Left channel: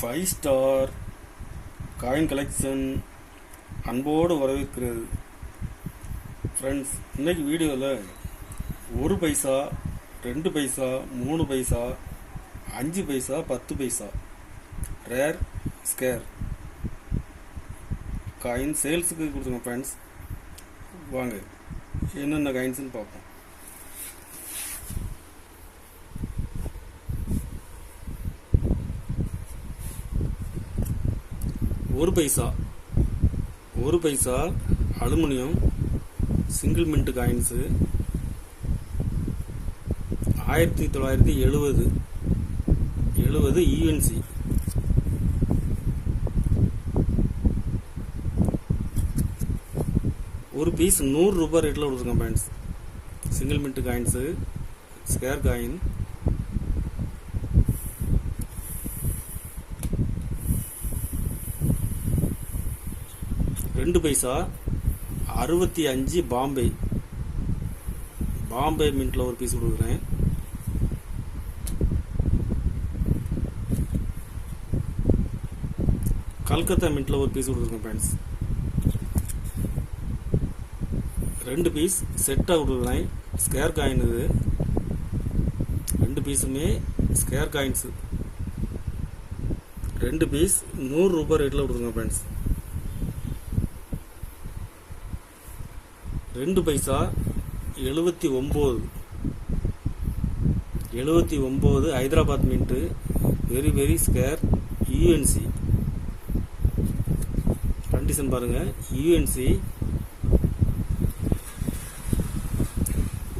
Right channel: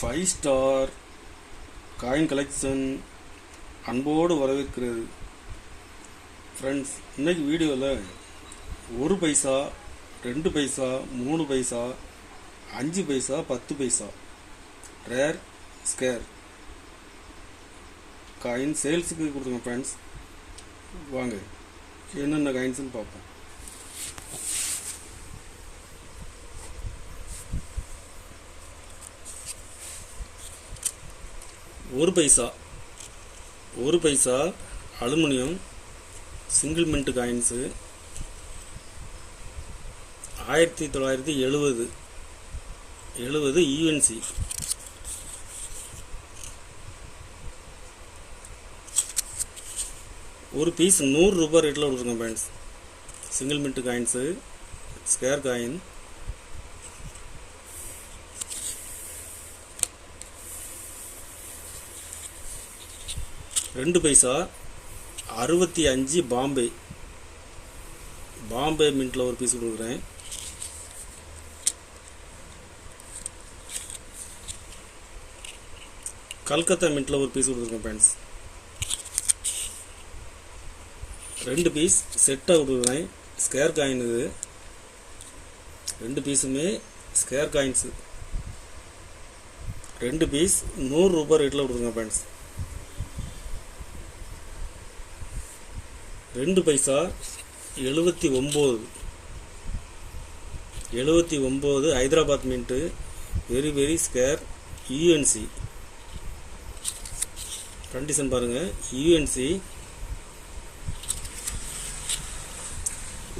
5 star coin collection அன்போடு வரவேற்கிறது. Friends, இன்னைக்கு வீடியோவில் 1 paisa 2 paisa 3 paisa 5 paisa 10 paisa rare scarce coin சேல்ஸுக்கு கொடுத்துருங்க. ஃப்ரெண்ட்ஸ், வாங்க என்னென்ன காயின்ஸ்னு பார்ப்போம். ஒரு paisa aluminium single mint coins 1970 UNC. ஒரு பீஸ் 100 ரூபாய் ரேட்டில் கொடுத்துருக்கோம் friends. Single mint coins scarce coin. ரெண்டு பைசா 65 பாம்பே மின்ட்டில் ஒரு பீஸ் கொடுக்குறேன். கல்கத்தா மின்ட்டில் ஒரு பீஸ் கொடுத்துருக்கேன் ஃப்ரெண்ட்ஸ். 2 பீஸ் செட்டாக கொடுக்குறேன். Scarce coin. இது 2 பீஸுமே ஸ்கேர் காயின்ஸு. 2 பீஸ் 100 ரூபாய் ரேட்டில் கொடுக்குறேன் ஃப்ரெண்ட்ஸ். 2 பைசா 79 Hyderabad mint very scarce UNC. Condition பாருங்கள். யூஎன்சி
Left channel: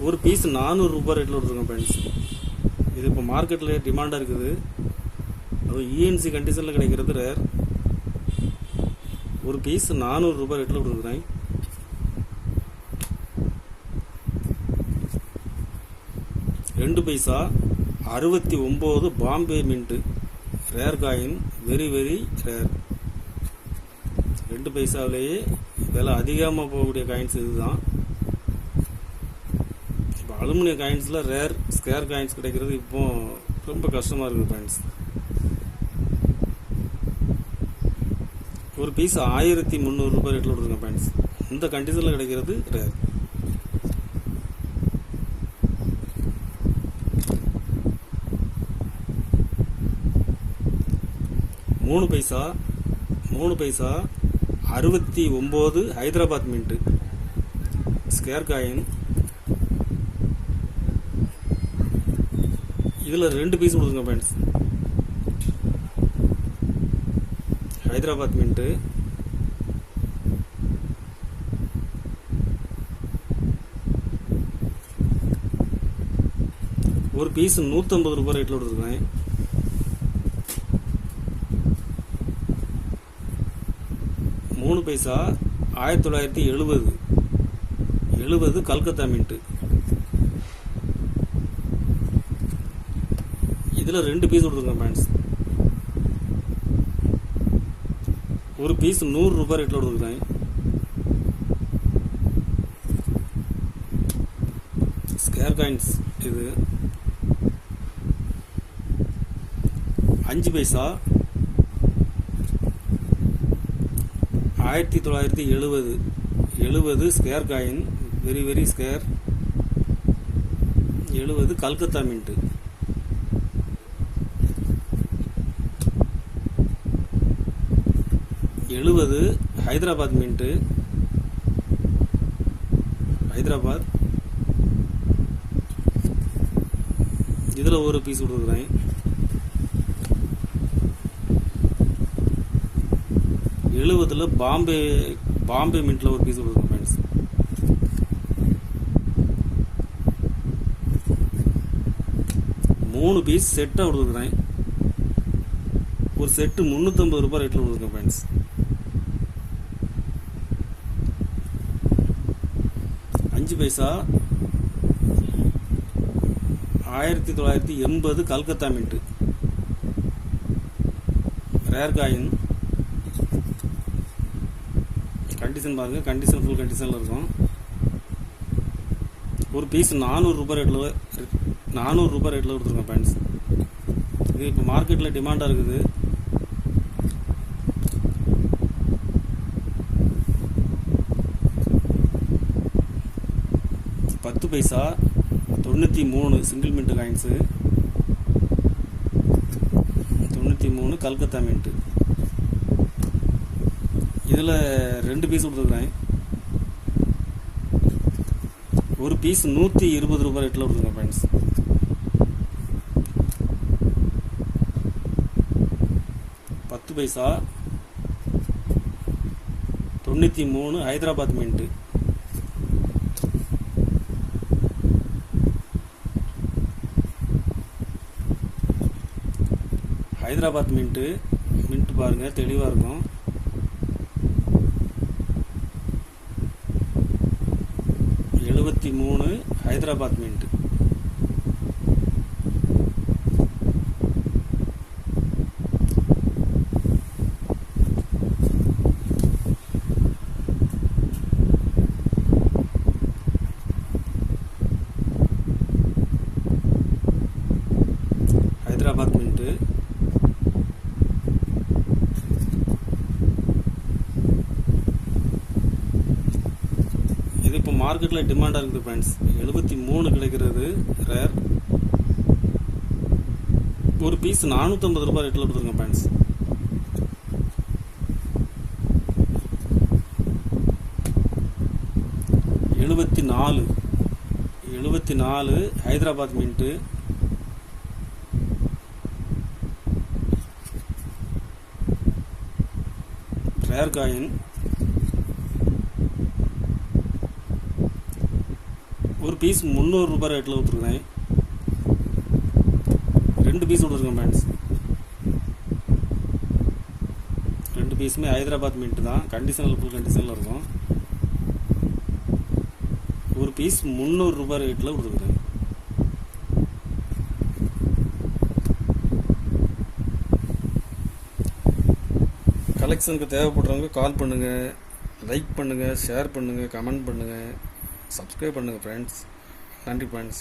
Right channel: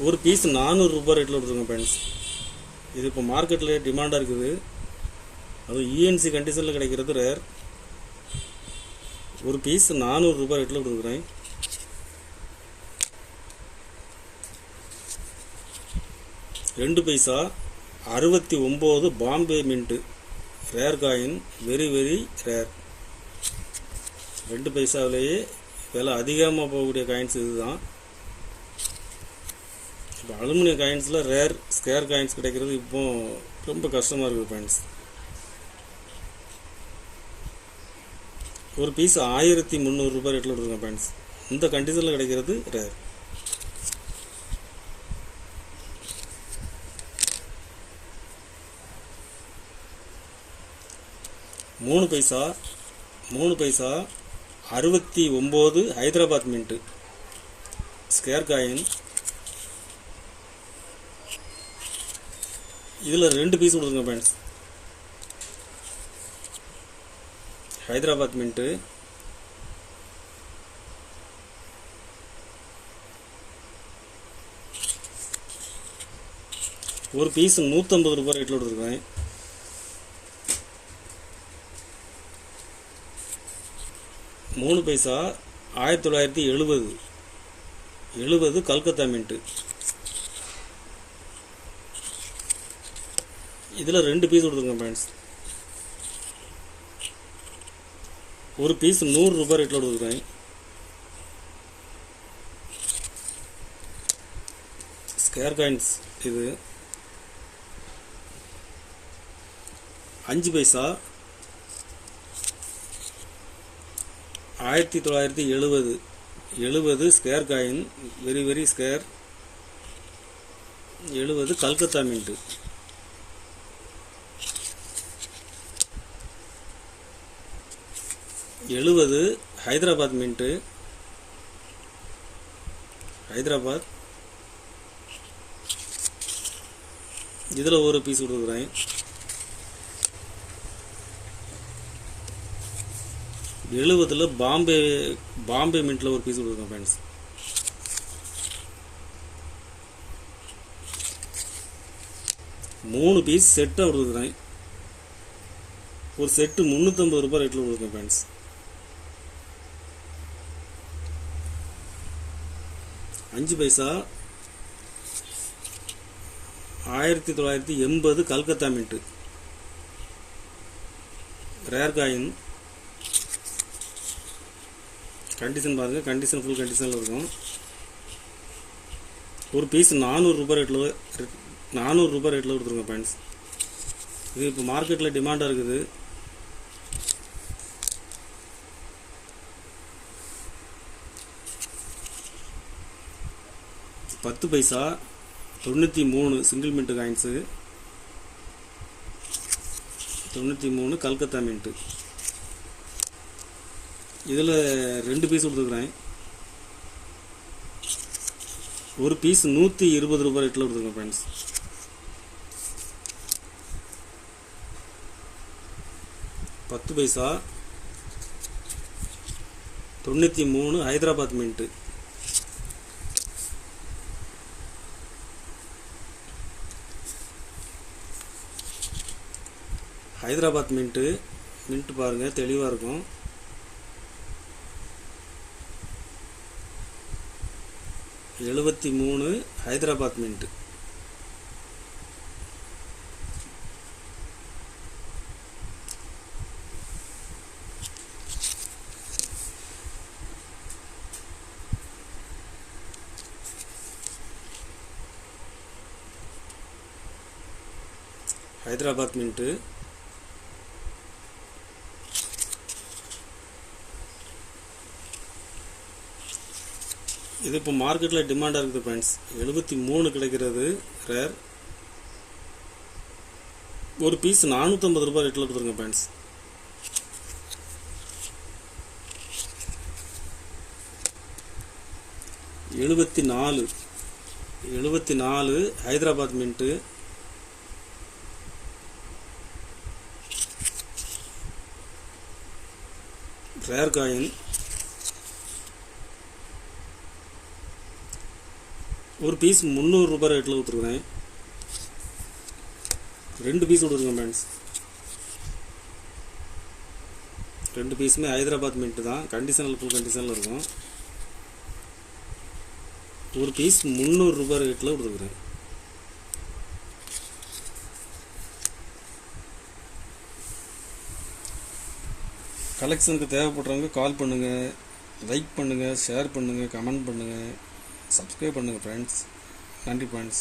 ஒரு பீஸ் 400 ரூபாய் ரேட்டில் கொடுத்துருங்க ஃப்ரெண்ட்ஸ். இது இப்போ மார்க்கெட்டில் டிமாண்டாக இருக்குது. அது யூஎன்சி கண்டிஷனில் கிடைக்கிறது ரேர். ஒரு பீஸ் 400 ரூபாய் ரேட்டில் கொடுக்குறேன். 2 பைசா 69 Bombay mint rare coin. Very rare. 2 பைசாவிலேயே விலை அதிகமாக போகக்கூடிய காயின்ஸ் இதுதான். இப்போ அலுமினியம் காயின்ஸில் ரேர் ஸ்கேர் காயின்ஸ் கிடைக்கிறது இப்போ ரொம்ப கஷ்டமாக இருக்குது ஃப்ரெண்ட்ஸ். ஒரு பீஸ் 1300 ரூபாய் ரேட்டில் கொடுத்துருக்கேன் ஃப்ரெண்ட்ஸ். இந்த கண்டிஷனில் கிடைக்கிறது ரேர். மூணு பைசா 69 ஹைதராபாத் மின்ட்டு ஸ்கேர் காயின். இதில் 2 பீஸ் கொடுத்துருங்க ஃப்ரெண்ட்ஸ். ஹைதராபாத் மின்ட்டு. ஒரு பீஸ் 150 ரூபாய் ரேட்டில் கொடுத்துருக்கேன். 3 பைசா 1970 கல்கத்தா மின்ட்டு. இதில் 2 பீஸ் கொடுத்துருங்க ஃப்ரெண்ட்ஸ். ஒரு பீஸ் 100 ரூபாய் ரேட்டில் கொடுக்குறேன். Scarce coins. இது 5 பைசா 1970 scarce coin. Very scarce 70 Calcutta mint. 70 Hyderabad mint. Hyderabad. இதில் ஒரு பீஸ் கொடுக்குறேன். 70 பாம்பே மின்ட்டில் ஒரு பீஸ் கொடுக்குறேன் ஃப்ரெண்ட்ஸ். மூணு பீஸ் செட்டாக கொடுக்குறேன். ஒரு செட்டு 350 ரூபாய் ரேட்டில் கொடுக்குறேன் ஃப்ரெண்ட்ஸ். 5 பைசா 1980 Calcutta mint rare coin. Condition பாருங்கள். கண்டிஷன் ஃபுல் கண்டிஷனில் இருக்கும். ஒரு பீஸ் 400 ரூபாய் ரேட்டில் கொடுத்துருங்க ஃப்ரெண்ட்ஸ். இது இப்போ மார்க்கெட்டில் டிமாண்டாக இருக்குது. 10 பைசா 93 single mint coins, 93 Calcutta mint. இதில் 2 பீஸ் கொடுத்துருக்குறேன். ஒரு பீஸ் 120 ரூபாய் ரேட்டில் கொடுத்துருங்க ஃப்ரெண்ட்ஸ். பத்து பைசா 93 ஹைதராபாத் மின்ட்டு. ஹைதராபாத் மின்ட்டு பாருங்கள் தெளிவாக இருக்கும். $73 ஹைதராபாத் மின்ட்டு. ஹைதராபாத் மின்ட்டு இது இப்போ மார்க்கெட்டில் டிமாண்டாக இருக்குது ஃப்ரெண்ட்ஸ். 73 கிடைக்கிறது ரேர். ஒரு பீஸ் 450 ரூபாய் ரேட்டில் கொடுத்துருங்க friends. $74 Hyderabad mint. Rare coin. ஒரு பீஸ் 300 ரூபாய் ரேட்டில் கொடுத்துருக்கேன். 2 பீஸ் கொடுத்துருங்க ஃப்ரெண்ட்ஸ். 2 பீஸுமே ஹைதராபாத் மின்ட்டு தான். கண்டிஷனில் ஃபுல் கண்டிஷனில் இருக்கும். ஒரு பீஸ் 300 ரூபாய் ரேட்டில் கொடுத்துருக்குறேன். கலெக்ஷனுக்கு தேவைப்படுறவங்க கால் பண்ணுங்கள், லைக் பண்ணுங்கள், ஷேர் பண்ணுங்கள், கமெண்ட் பண்ணுங்கள், சப்ஸ்கிரைப் பண்ணுங்கள் ஃப்ரெண்ட்ஸ். நன்றி ஃப்ரெண்ட்ஸ்.